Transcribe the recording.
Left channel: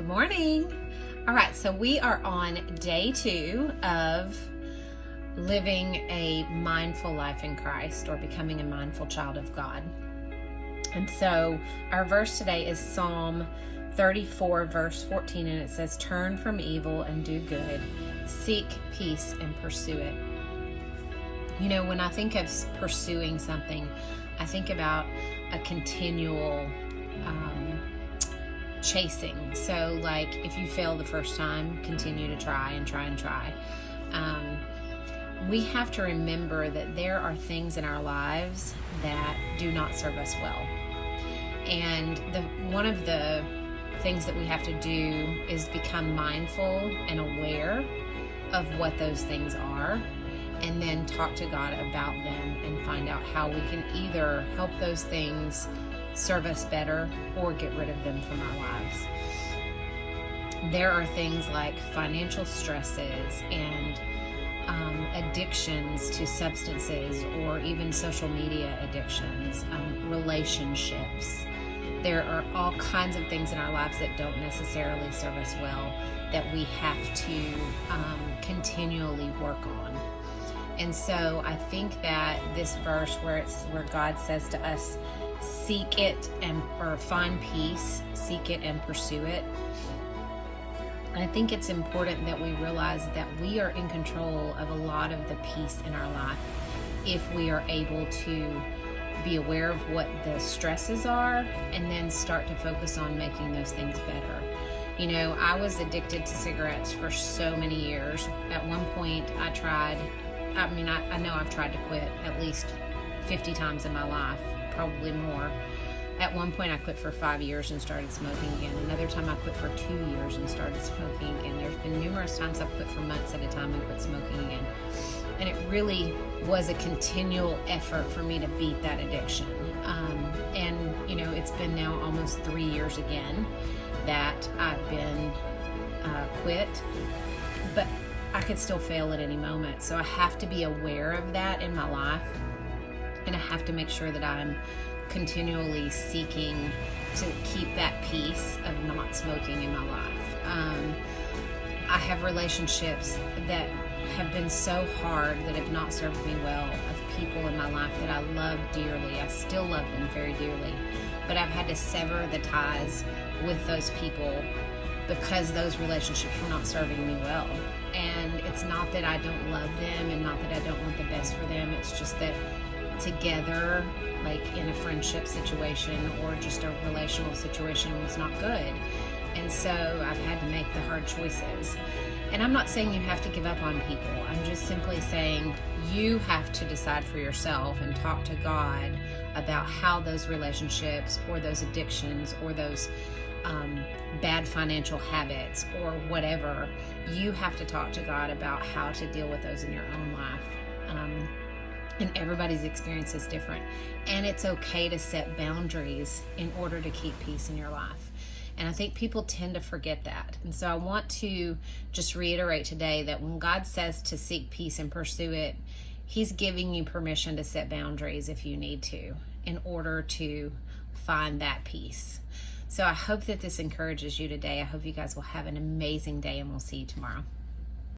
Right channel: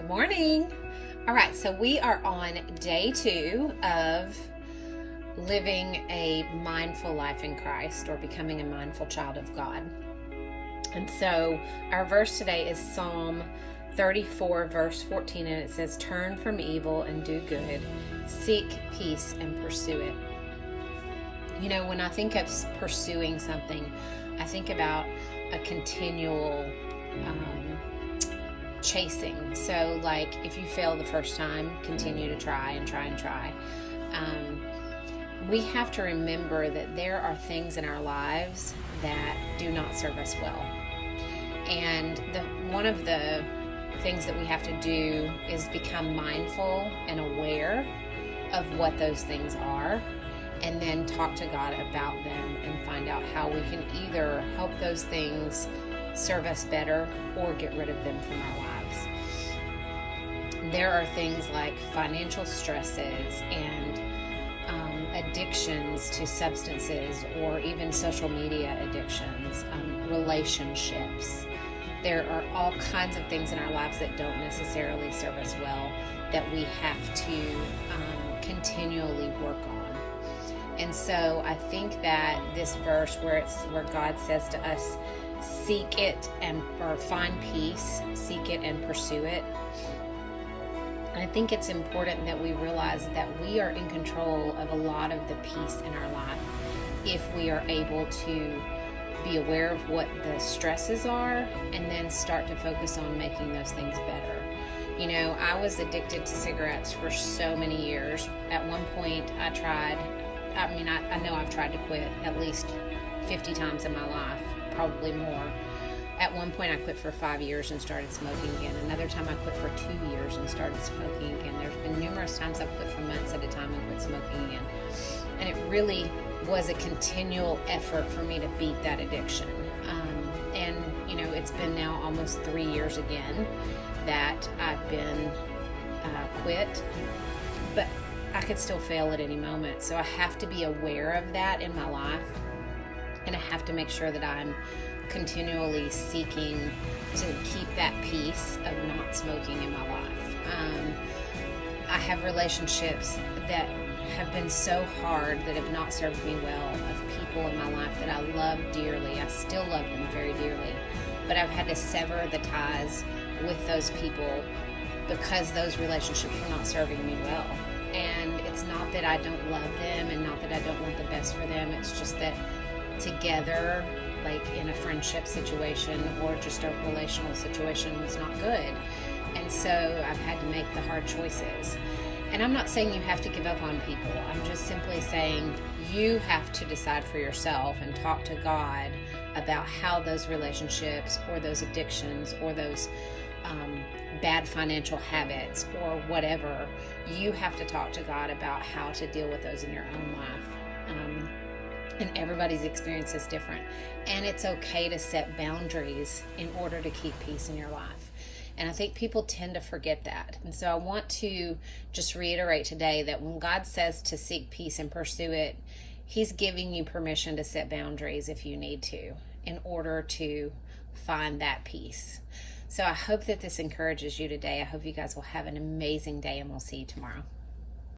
Good morning. All right, so we are on day 2 of living a mindful life in Christ, or becoming a mindful child of God. And so our verse today is Psalm 34, verse 14, and it says, "Turn from evil and do good, seek peace and pursue it." You know, when I think of pursuing something, I think about a continual chasing. So like if you fail the first time, continue to try and try and try. We have to remember that there are things in our lives that do not serve us well. And one of the things that we have to do is become mindful and aware of what those things are, and then talk to God about them and find out how we can either help those things serve us better or get rid of them from our lives. There are things like financial stresses and addictions to substances, or even social media addictions, relationships. There are all kinds of things in our lives that don't necessarily serve us well that we have to continually work on. And so I think that this verse where God says to us, seek it or find peace, seek it and pursue it. I think it's important that we realize that we are in control of a lot of the peace in our life if we are able to be aware of what the stresses are and then start to focus on making those things better. You know, I was addicted to cigarettes for so many years. At one point I know I've tried to quit at least 50 times in my life, probably more. At one point I quit for 5 years and started smoking again. Another time I quit for 2 years and started smoking again. There's been numerous times I've quit for months at a time and quit smoking again. And it really was a continual effort for me to beat that addiction. And you know, it's been now almost 3 years again that I've been quit, but I could still fail at any moment. So I have to be aware of that in my life, and I have to make sure that I'm continually seeking to keep that peace of not smoking in my life. I have relationships that have been so hard, that have not served me well, of people in my life that I love dearly. I still love them very dearly, but I've had to sever the ties with those people because those relationships were not serving me well. And it's not that I don't love them and not that I don't want the best for them. It's just that together, like in a friendship situation or just a relational situation, was not good. And so I've had to make the hard choices. And I'm not saying you have to give up on people. I'm just simply saying you have to decide for yourself and talk to God about how those relationships or those addictions or those bad financial habits or whatever, you have to talk to God about how to deal with those in your own life. And everybody's experience is different. And it's okay to set boundaries in order to keep peace in your life. And I think people tend to forget that. And so I want to just reiterate today that when God says to seek peace and pursue it, He's giving you permission to set boundaries if you need to, in order to find that peace. So I hope that this encourages you today. I hope you guys will have an amazing day, and we'll see you tomorrow.